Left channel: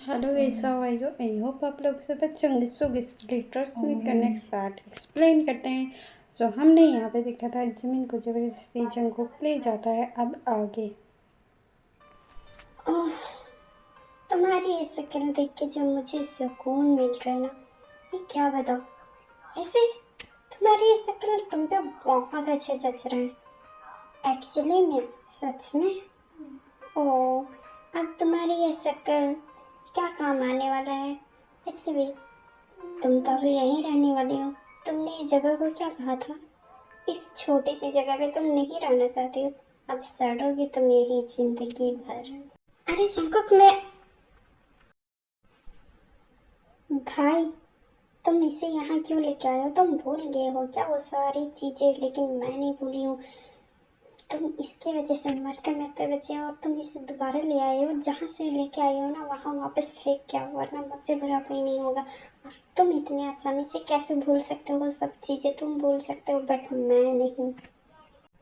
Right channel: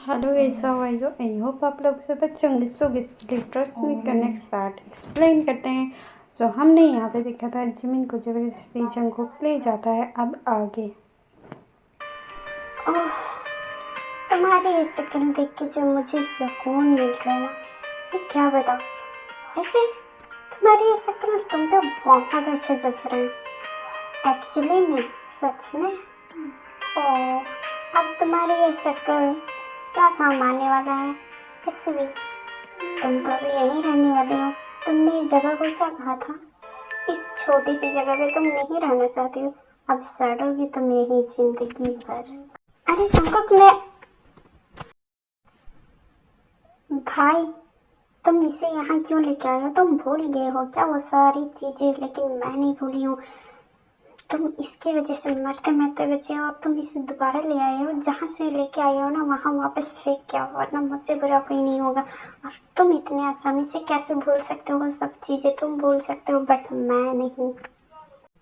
Hello guys, how are you? I hope आप लोग सब अच्छे होंगे। सो बेसिकली ट्रस्ट मी का नेक्स्ट पार्ट एक्सप्लेन करते हैं। सो हमने यहाँ पे देखा था जिमिन को जबरदस्ती जंगकुक ले जाता है। अब आगे ओह, तुम्हारी ये शक्ल देख के जो मुझे सुकून मिल रहा है ना, मैं क्या बताऊँ। वैसे तुम्हारी ये शक्ल तुम पे बहुत अच्छा जच रहा है एक्चुअली में, सच में। ओह, अब तुम्हारी ये शक्ल क्या काम आने वाला है। वैसे भी तुम तो अभी यहीं रहने वाले हो। तुमने इस जगह को क्या कहा था? इस छोटी सी जगह पे तुम नहीं रहना चाहती हो। अब सड़ोगी तुम यही जिंदगी भर। अरे जंकुक, मैं भाई, तुम इसे यहाँ क्यों लेके आए हो? तुम भूल गए हो क्या वो सारी चीजें? लेकिन मैं नहीं भूली हूँ। तुम इसकी वजह से मरते मरते बचे हो और तुम इसे दोबारा ले आए हो। जहाँ से लेके आए हो ना वहाँ वापस फेंक के आओ, वरना मुझसे बुरा कोई नहीं होगा। और तुम इतने आसानी से कैसे भूल सकते हो? वो सब चीजें तुम भूल सकते हो बट मैं नहीं।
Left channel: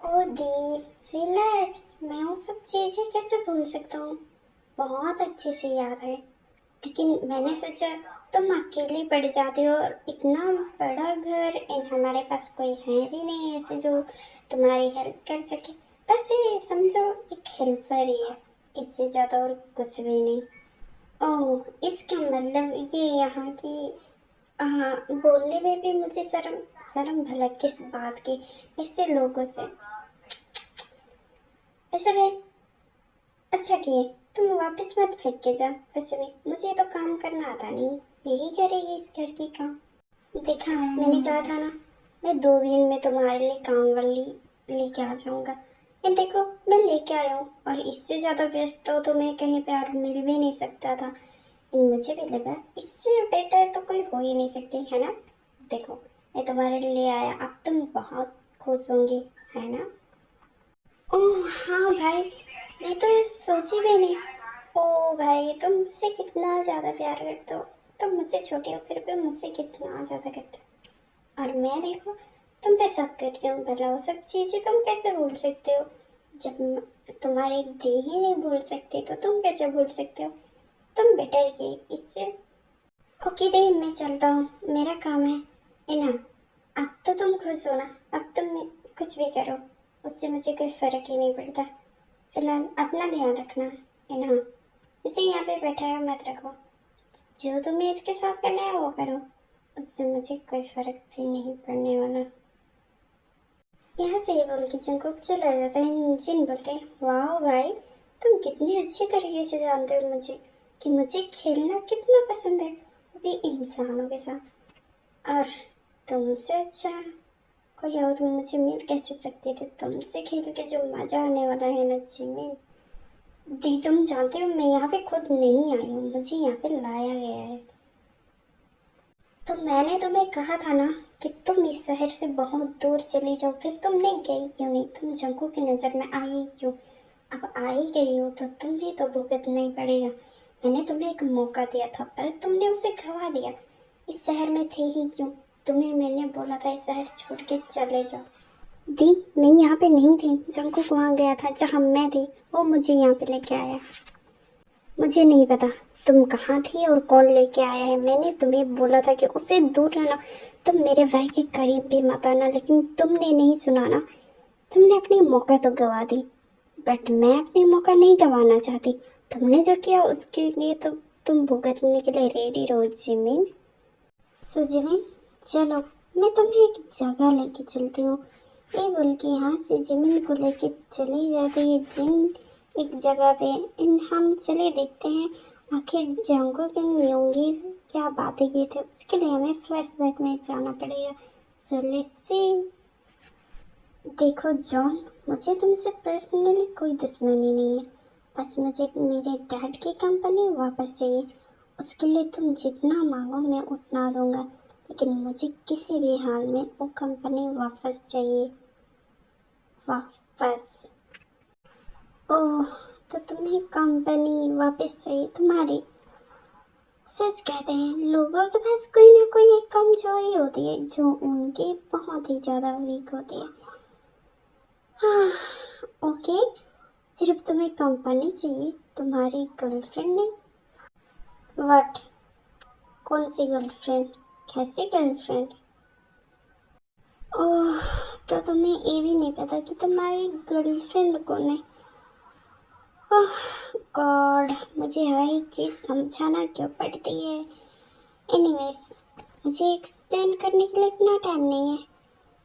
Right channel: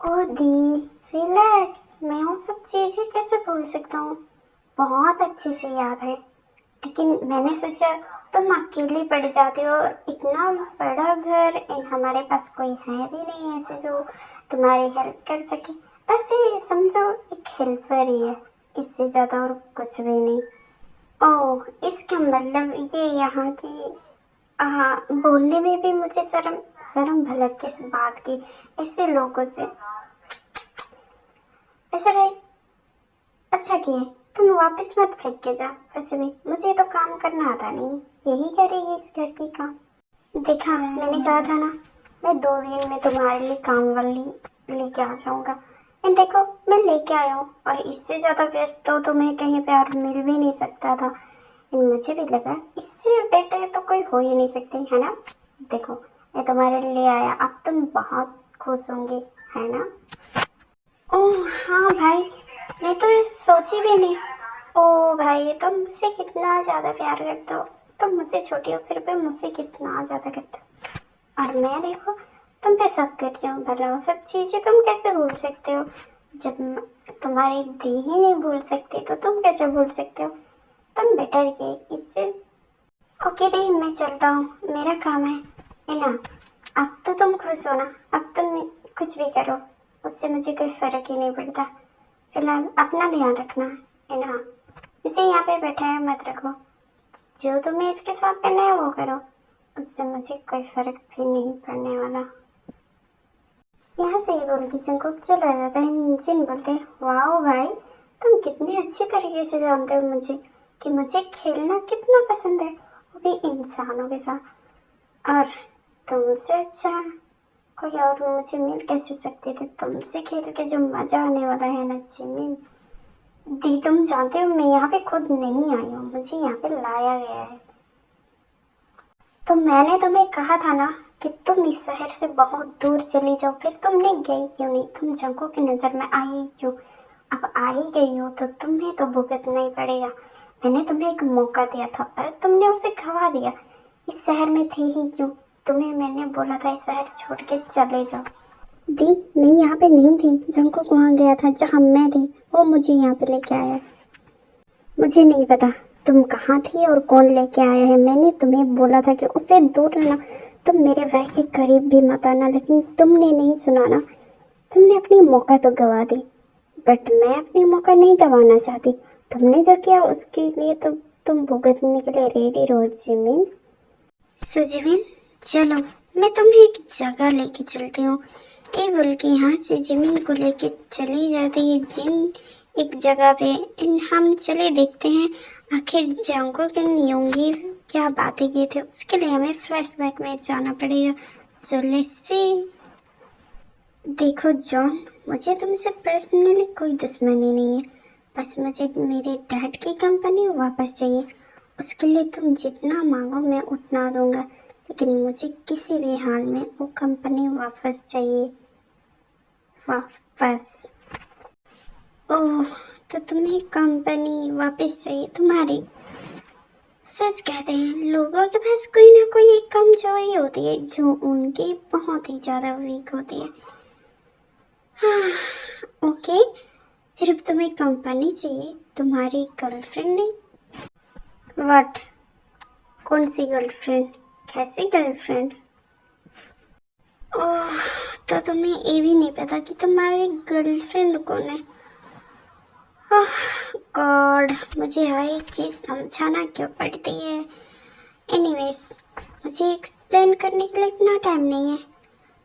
ओ दी, रिलैक्स। मैं वो सब चीजें कैसे भूल सकता हूँ? बहुत अच्छे से याद है। लेकिन मैंने सोचा तुम अकेली पड़ जाती हो और इतना बड़ा घर, इन हमारे पास कोई है भी नहीं ऐसे जो तुम्हारी हेल्प कर सके। बस ये समझो एक हेल्पर ही है, इससे ज़्यादा और कुछ भी नहीं। ओह, इसका मतलब ये यहाँ की। हाँ, बोलने में भी मुझे शर्म। शर्म भला किस बात की? ऐसे लोगों से। ऐसे भाई, अच्छा किए तुम वापस मत फेंक के जा। वैसे भी मुझे तो काम करना आता नहीं, यही करेगी इस घर की काम। देखा, मैंने कहा था ना, मैं 2 दिन में तुम्हारे लिए काम वाली लेके आ जाऊंगा। एंड देखो, मैं लेके आया हूँ और इससे ज़्यादा बेस्ट तो तुम्हें कहीं पे और मिल भी नहीं सकता था। एंड मुझे भी लगा इससे बेटर तो कोई हो ही नहीं सकती, है ना? देखो, मैं तुम्हारे लिए आया, अब तुम बहुत खुश होंगी, है ना? ओह हाँ भाई, मैं तो ये सोची भी नहीं। ओ भाई, तुम मुझसे कितना ज़्यादा प्यार करते हो। तुम मुझसे छोटे हो फिर भी मुझसे कितना ज़्यादा करते हो। और मैं देखो, तुम पे शक कर रही हूँ। भला वो सब चीज़ें तुम कैसे भूल सकते हो? जब तुम्हारी दी ही नहीं भूल सकती तो तुम कैसे भूल सकते हो? तुम बेटर किए इससे। ओके दी, मैं चलता हूँ, मेरा काम है ना? अब तो तुम खुश हो ना? अब तुम कुछ भी करो, उससे मुझे कोई फर्क ही नहीं पड़ता। फिलहाल अपना ध्यान रखना, है ना? इसे यहाँ पे बैठाया मत रखो। जो तुम्हें इसके साथ करना है वो करो, उससे मुझे कोई फर्क भी नहीं पड़ने वाला। यहाँ से ही बोल के जंकुक चला जाता है। जिन बोलते हैं, वाह भाई, तुम कितने अच्छी तरीके से जानते हो मुझे, कि मुझे खेलना कितना पसंद है, वो भी इंसानों के साथ। और तुमसे अच्छा कोई और मुझे मिल कैसे सकते थे? तुमसे खेल के जो मजा आने वाला है ना जिमिन। दी, तुम जानते हो मैं यहाँ पे खुद नहीं आई हूँ, मुझे यहाँ पे लाया गया है। तो मैंने तुम्हें कहा था ना कि तुम इस शहर से बहुत दूर चली जाओ, फिर तुमने गई क्यों नहीं? तुम जंगों की नज़र में आई ही क्यों? अब आ ही गई हो तो तुम्हें तो भुगतना ही पड़ेगा। मैंने तुम्हें एक मौका दिया था पर तुमने उसे गवा दिया। इस शहर में थी ही क्यों? तुम्हें मैंने बोला था इस शहर छोड़ के चले जाओ। दी, मैं यहाँ पे नहीं थी। जंगकुक वहाँ गया था जहाँ मैं थी, वो मुझे यहाँ पे लेके आया। मुझे नहीं पता तुम कहाँ थी और कौन लेके आया है। मैंने तुम्हें बोला था कि उससे दूर रहना, तुम मेरे भाई के करीब भी मत आना, लेकिन तुमने नहीं सुना ना। तुमने अपनी मौका तो गवा दी, बट मैं अपनी मौका नहीं गंवाना चाहती। तुमने जो किया उसके लिए तो तुम भुगतने के लिए रेडी रहो जिमिन। सुजीविन, चलो, मैं तुम्हें एक जगह लेके चलती हूँ। ये बोल के यहाँ से जिमिन को लेके चली जाती है जिन एक जगह पे। हम चले देखते हैं आखिर जंगकुक एंड योंगी क्या बातें किए थे। उसके लिए हमें फ्लैशबैक में जाना पड़ेगा। So let's see. देखो जॉन, मुझे तुमसे पर्सनली कोई दुश्मनी नहीं है, बस मुझे मेरे डैड की कंपनी वापस चाहिए। उसके लिए तुम जितना मांगो मैं उतना दूंगा, लेकिन मुझे किसी भी हाल में वो कंपनी वापस चाहिए, वापस। ओह, तो तुम्हें कंपनी वापस चाहिए तुम्हारी? सच कहते हैं लोगों के पास कोई ना कोई एक कमजोरी होती है जो उनकी बहुत ही ज़्यादा वीक होती है। हाँ, ओके, सिर्फ तुम्हें कंपनी चाहिए, तुम्हारी गर्लफ्रेंड नहीं? व्हाट? कौन सी गर्लफ्रेंड? कैसी गर्लफ्रेंड? ओह, तो तुम्हें ये भी नहीं पता कि तुम्हारी गर्लफ्रेंड कौन है? ओह गॉड, मुझे हर एक चीज़ समझाना क्यों पड़ती है? एनीवेज, मुझे एक्सप्लेन करने के लिए इतना टाइम नहीं है।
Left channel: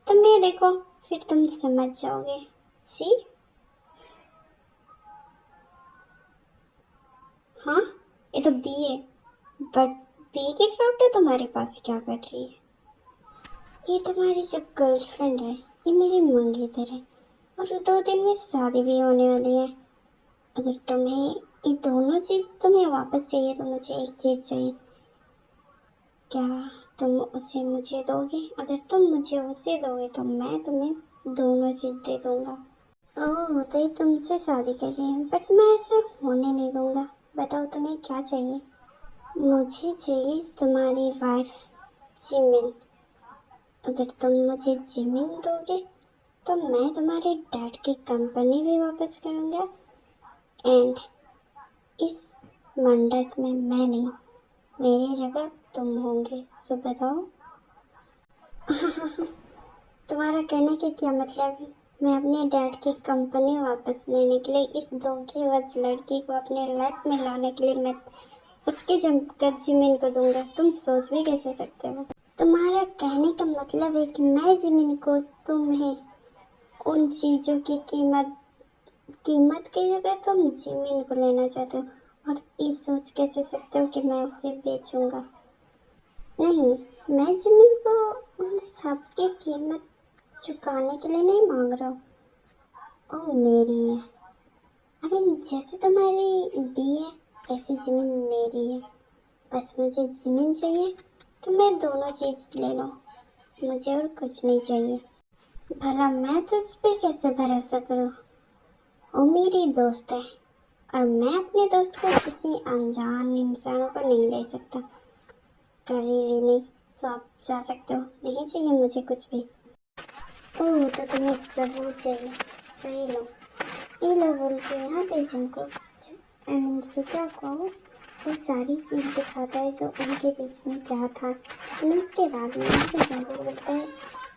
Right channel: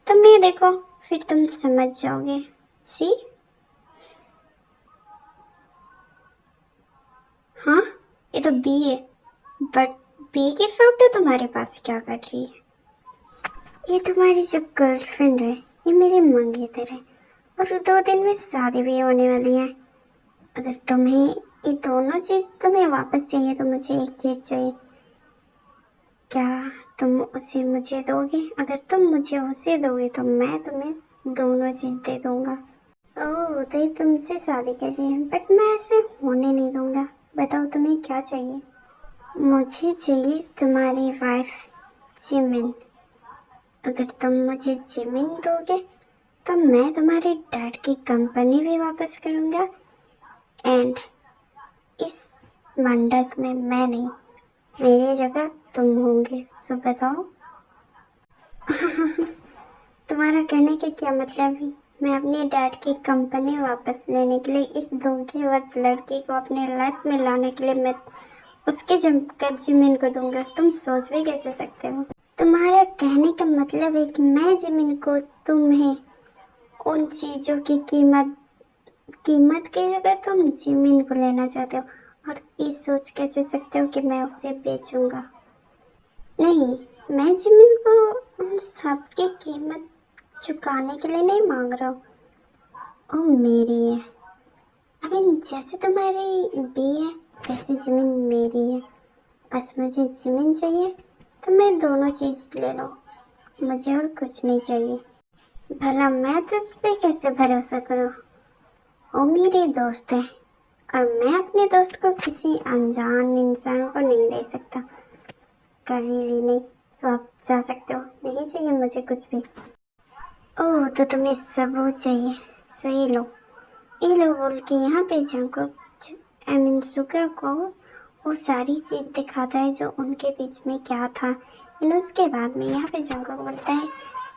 तुम ये देखो, फिर तुम समझ जाओगे। सी? हाँ, ये तो बी है, बट बी की फोटो तुम्हारे पास क्या कर रही है? ये तुम्हारी जो गर्लफ्रेंड है, ये मेरी मंगेतर है और 2 दिन में शादी भी होने वाली है। अगर तुम्हें ये दोनों चीज़ तुम्हें वापस चाहिए तो मुझे एक चीज़ चाहिए। क्या तुम उसे मुझे दोगे? अगर तुम मुझे उसे दोगे तो मैं तुम्हें दोनों चीज़ दे दूँगा। ओह, तो ये तुमसे शादी कर रही है, बट मैं ऐसे होने नहीं दूँगा। बताओ तुम्हें क्या चाहिए? मुझे चाहिए तुम्हारी वाइफ जिमिन। अगर तुम मुझे जिमिन दोगे तो मैं तुम्हारे डैड की कंपनी भी वापस करूँगा एंड इस मंडप में मैं नहीं, मेरी जगह तुम होंगे। सो बताओ। तुम्हारा कहने के क्या मतलब है? मैं अपने डैड की कंपनी वापस लेने के लिए इस धोखेबाज लड़की को अपने लाइफ में लाने के लिए मैं उसकी जगह जिमिन को दूंगा। तुम सोच भी कैसे सकते हो? तुम्हारा कहने का मतलब है कि मैं जिमिन को तुम्हें उन चीज़ों की कीमत की जगह तुम जिमिन को लेना चाहते हो और ये सोच कैसे सकते हो कि मैं उसे बेचूंगा? नहीं, मैं जिमिन को उन सब की कीमत चुकाने के लिए नहीं मांग रहा हूँ। वो मेरी है। जैसे तुम्हारी बी है वैसे जमीन मेरी है। बस मुझे जमीन चाहिए तो मैं दोनों चीज़ ले लो, मुझे और कुछ नहीं चाहिए। भला मैं तुझ पे कैसे भरोसा करूँ? वो मेरी दोस्त है और मैं अपने दोस्त को किसी अनजान इंसान को नहीं दे सकता, कभी भी नहीं। सो आप जा सकते हो, नहीं चाहिए मुझे कुछ भी। ओह, तो तुम्हें सबूत चाहिए, सो ये लो बोल के यहाँ पे जंको सुगा को वो सारी चीज़ दिखाता है जो उनके बीच में क्या था। और उसके बाद में यहाँ पे जंको बोलता है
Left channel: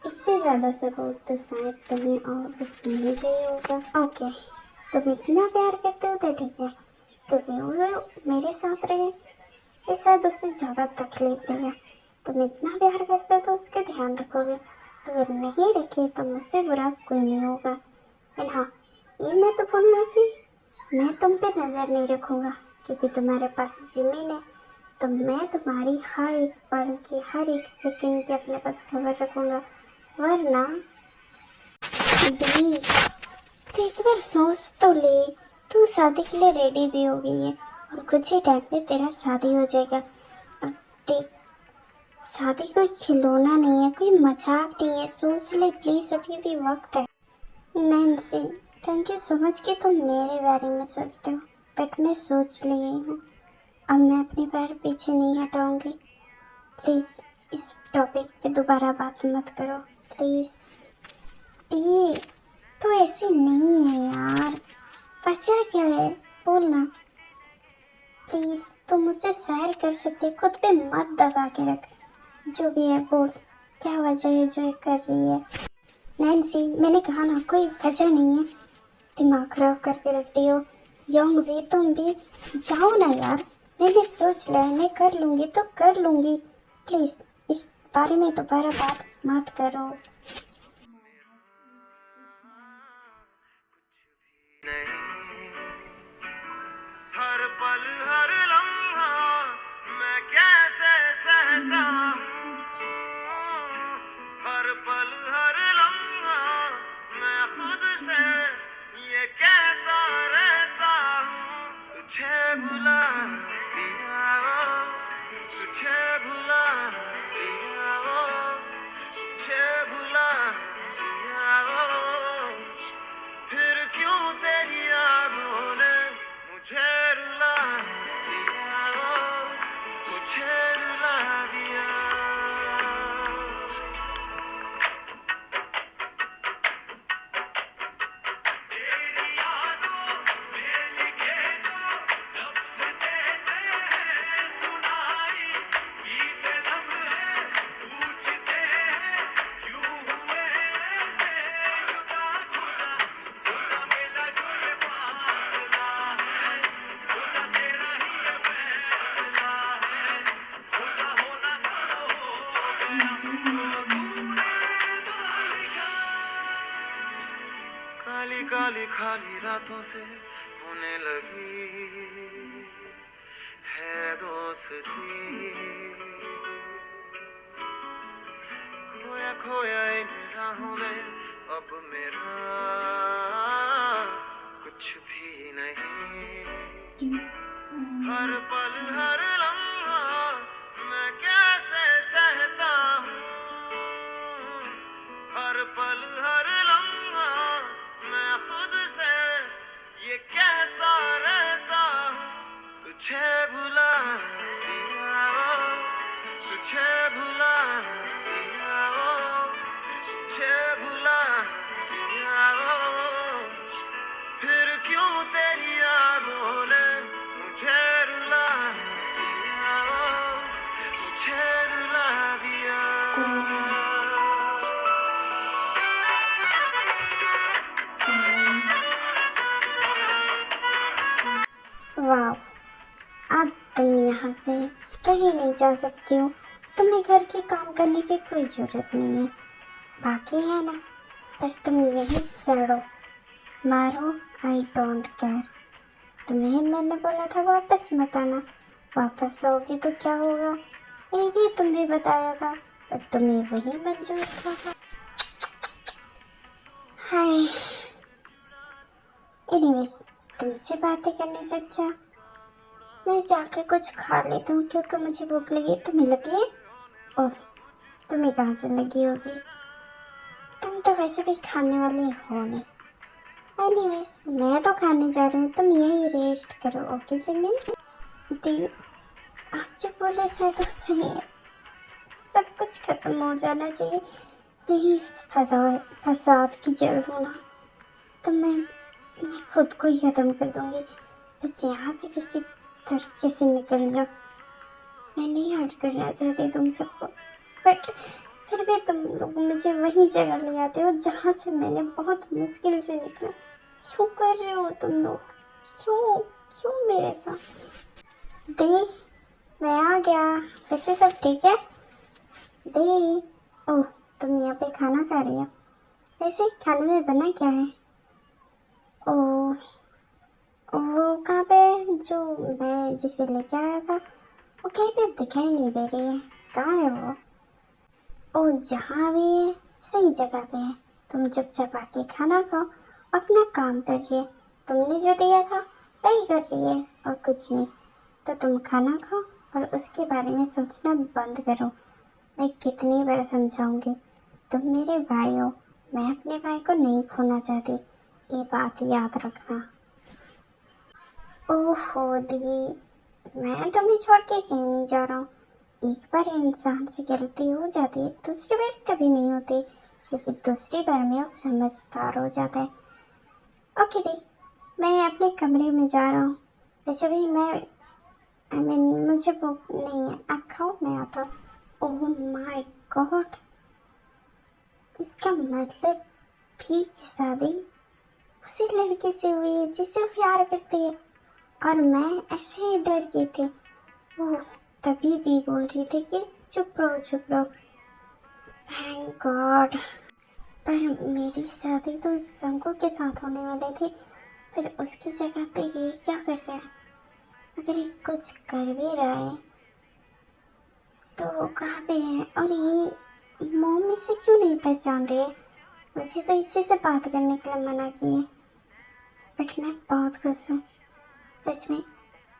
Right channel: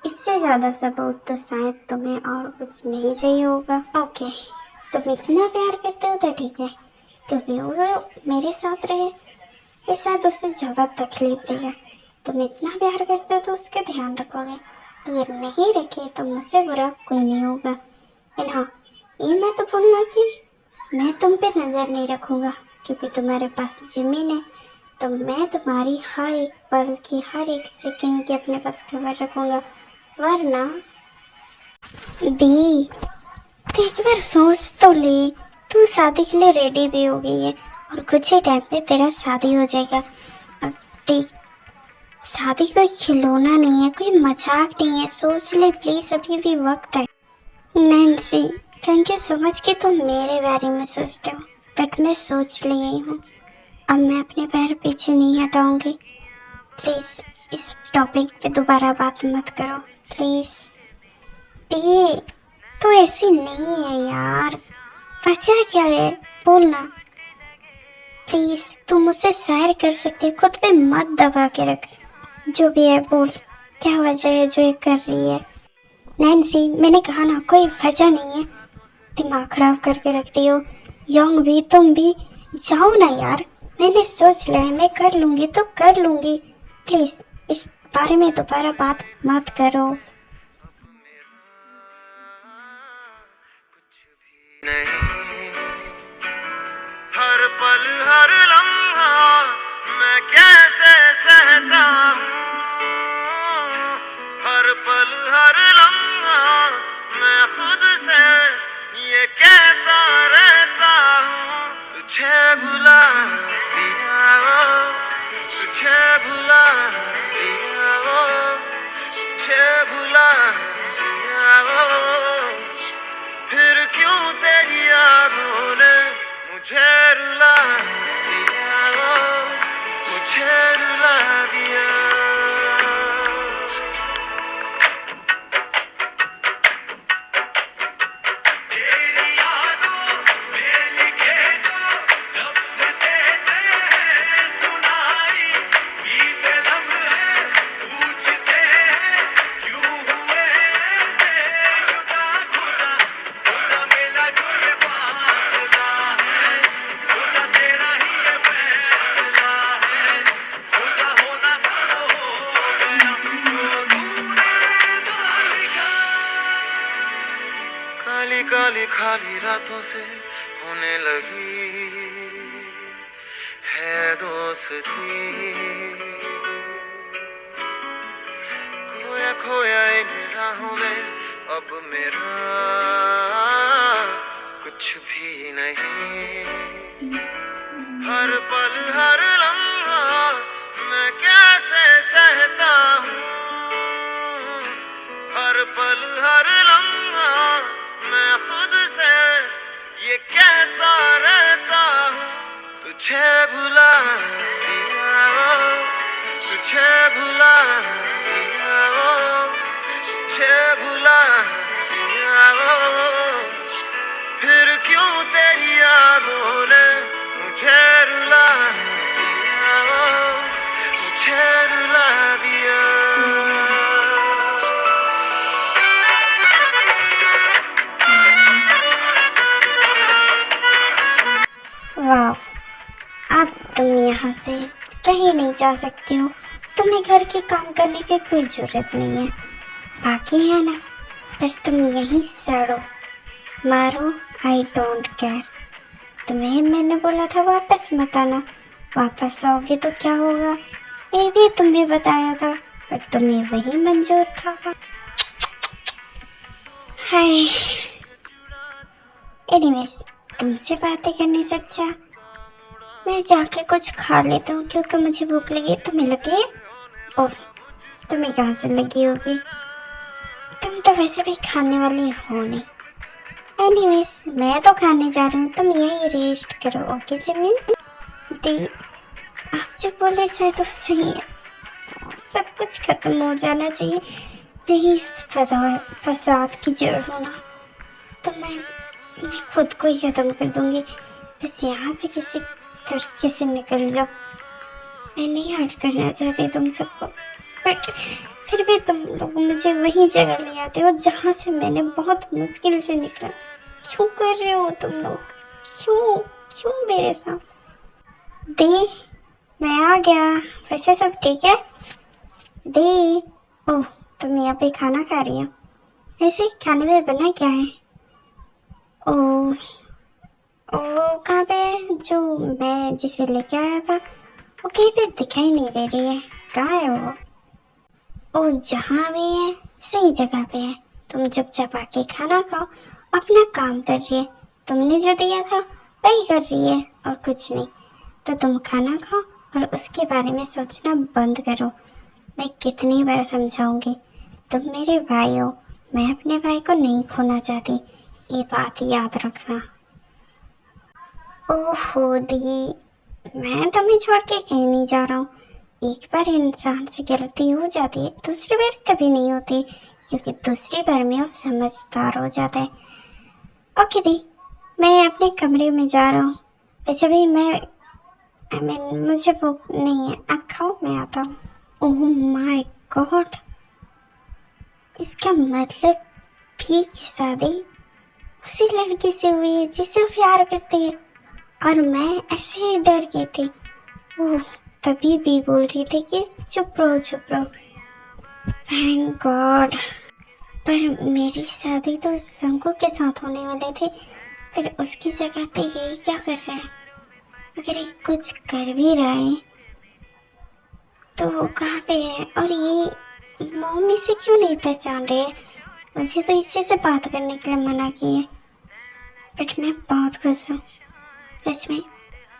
इससे ज़्यादा सबूत तो शायद तुम्हें और कुछ नहीं चाहिए होगा। ओके, तुम इतना प्यार करते हो तो ठीक है, क्योंकि वो मेरे साथ रहे, ये शायद उससे ज़्यादा तकलीफ देगा। तुम इतना प्यार करते हो तो उसका ध्यान रखोगे, अगर नहीं रखे तो मुझसे बुरा कोई नहीं होगा। एंड हाँ, ये मैं तो बोल रहा कि मैं तुम पे नज़र नहीं रखूँगा, क्योंकि तुम्हारे पास ज़मीन है तो मैं तुम्हारी हर एक पल की हर एक सेकंड की अपने पास खबर रखूँगा। वरना दी, तो एक बार सोच तो ले, तू शादी के लिए रेडी भी हो गई है और कुछ ही टाइम पे तेरा शादी हो जाएगा। अब देख, शादी कोई खिलौना नहीं है, कोई मजाक नहीं है, सोच ले प्लीज़, अभी भी वक्त है। Nancy, thank you so much कि तुम मेरे बारे में सोचते हो, बट मैं सोच ली हूँ, अब मैं अपने पैर पीछे नहीं हटाऊंगी। प्लीज़ इस टॉपिक पे दोबारा बात मत करो, प्लीज़। ये तो ऐसी नहीं है यार, वजह क्या है बोलना प्लीज़। तुम मुझसे सैर कर सकती है, खुद पे मत दबा के रख। जो भी है बोल, क्या वजह है जो ये कर रही है? नैन्सी, मैंने कहा ना, कोई वजह नहीं है, दिमाग खराब करके रखती हो। यंग भी, तुम भी, जाओ ना यार। मैंने सोच लिया है, मैं कर लूँगी तो कर लूँगी। प्लीज़ इस बारे में दोबारा बात मत करो। हर पल हर लम्हा मैं कैसे सहता हूँ, हर पल हर लम्हा मैं खुद से ये कहता रहता हूँ, तुझे भुला दिया वो, तुझे भुला दिया वो, तुझे भुला खाली रातों से होने लगी है दोस्ती। खोया खोया इन राहों में अब मेरा कुछ भी नहीं। हर पल हर लम्हा मैं कैसे सहता हूँ। हर पल हर लम्हा मैं खुद से ये कहता रहता हूँ। तुझे भुला दिया ओ, तुझे भुला दिया ओ, तुझे भुला दिया ओ। फिर क्यों तेरी यादों ने मुझे रुला दिया ओ, मुझे रुला दिया। वाह, अब तुम यहाँ से कहीं नहीं जा सकती हो। तुम्हें घर के काम करने की कोई जरूरत नहीं है। बाकी है ना, बस तुम यहीं सड़ो मारो, आई डोंट केयर। तुम्हें मैंने बोला था वापस मत आना, वापस आओगे तो क्या होगा ये भी तुम्हें बताया था, पर तुम्हें वही मंजूर था। हाय, एनीवेज, तुमसे बातें करने से अच्छा मैं जाके कुछ खा लेता हूँ, क्योंकि मुझे भूख लगी। तुम्हें लगी? ओह, तुम्हें कहाँ से लगी होगी? तुम तो वैसे भी खाने वाली हो नहीं। एनीवेज, मैं तो खाने जा रही हूँ, तुम यहीं रेस्ट करो। ओके जिमिन दी, आप जो बोले शायद वो सही है। सब कुछ खत्म हो जाना चाहिए, नहीं इस फसाद की जड़ होना। तो मैं खुद को ही खत्म कर दूंगी। बस यहाँ से किसी तरीके से निकल जाओ। मैं नहीं हर्ट करना चाहती तुम सबको, बट फिर भी तुम लोग मुझे वही जगह ले आते हो जहाँ से मैंने बहुत मुश्किल से निकला। क्यों कर रहे हो तुम लोग? क्यों क्यों मेरे साथ? दे, मैं आ गया। वैसे सब ठीक है? दे, ओह, तुम यहाँ पे खाना खा रही हो? वैसे खाने में बना क्या है? ओह, वो कहाँ पे है जो मैं जिसे लेके आया था? वो कहीं पे दिखाई नहीं दे रही है। कहाँ है वो? ओ, जहाँ भी है सही जगह पे है। तुम चुपचाप आके खाना खाओ, अपना काम कर रही है। तुमने जो दिया था वही कर रही है और कुछ नहीं। तो तुम खाना खाओ और उसके बारे में सोचना बंद करो। मैं कितनी बार समझाऊंगी, तुम मेरे भाई हो, मैं अपने भाई को नहीं खोना चाहती, ये बात याद रखना। ओहो दी, मैं तुम्हें छोड़ के कहीं नहीं जा रहा हूँ। एक बार इंसान से गलती हो जाती है, दूसरी बार कभी नहीं होती, क्योंकि दूसरी बार में वो समझदार हो जाता है। ओके दी, मैं अपने कमरे में जा रहा हूँ। वैसे भी मुझे भूख नहीं है, आप खाओ, मैं आता हूँ। ओह माय गॉड, इसका मतलब भी की शादी उसी लड़की से हुई है जिसे वो प्यार करती है, और मैं ऐसे ही डर गई थी। ओह, तभी भी बोल रही थी कि चुप रहो चुप रहो। Thank God. पर मेरी शादी तो शंकु के साथ होने वाली थी, फिर उसकी जगह पे यही क्या कर रहा है? अगर ये कुछ कर भी रहा है तो वो कहाँ पे है? और ये मम्मी से क्यों नहीं पहचान रही है? मुझे तो इसी से बात करने के लिए मना की है, बट मैं बहुत खुश हूँ। सच में,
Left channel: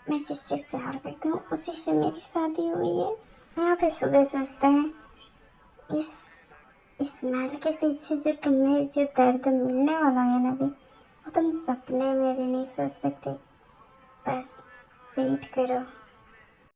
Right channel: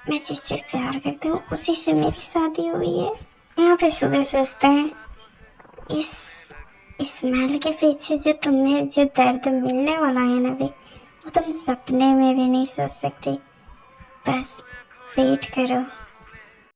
मैं जिससे प्यार करती हूँ उसी से मेरी शादी हुई है। यहाँ पे सुबह सोचते हैं, इस स्मेल के पीछे जो तुम्हें जो दर्द मिलने वाला है ना भी, वो तुम सपने में भी नहीं सोच सकते। बस वेट करो।